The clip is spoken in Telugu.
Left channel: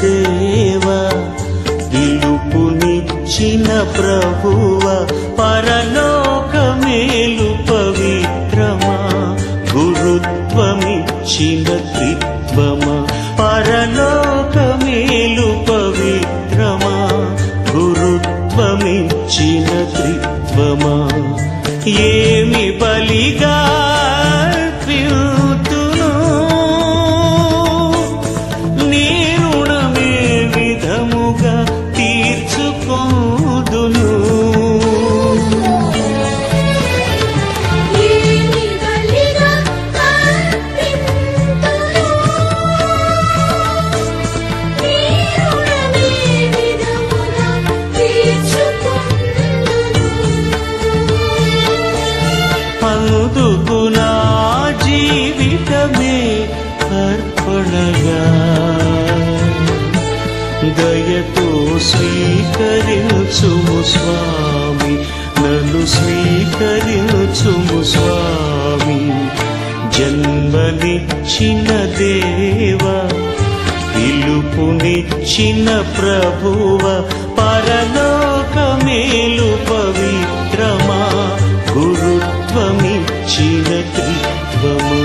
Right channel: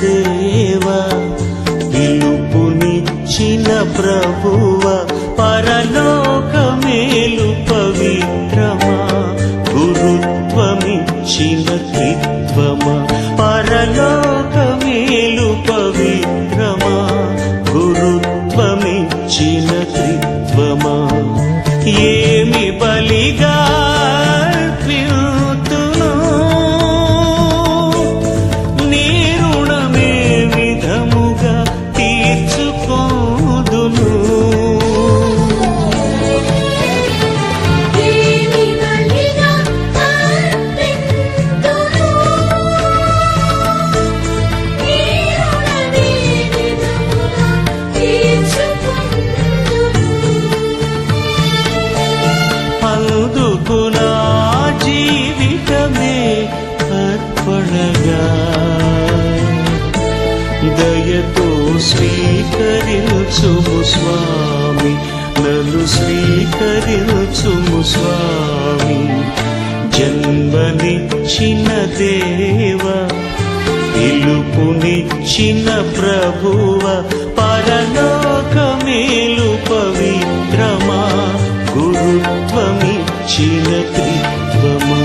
దేవా పిలుపునిచ్చిన ప్రభువ పరలోకమేలు పవిత్రమా గురుత్వమిచ్చిన త్రిత్వమా పరలోకమేలు పవిత్రమా గురుత్వమిచ్చిన త్రిత్వమా ఏమి బలిగా అర్పితును నీ రుణమే విధముగా తీర్చుకోదును అందుకు నా జీవితమే అర్పణగా దయతో స్వీకరించుము స్వామి నన్ను స్వీకరించుము స్వామి జన్మనిచ్చిన దేవా పిలుపునిచ్చిన ప్రభువ పరలోకమేలు పవిత్రమా గురుత్వమిచ్చిన త్రిత్వమా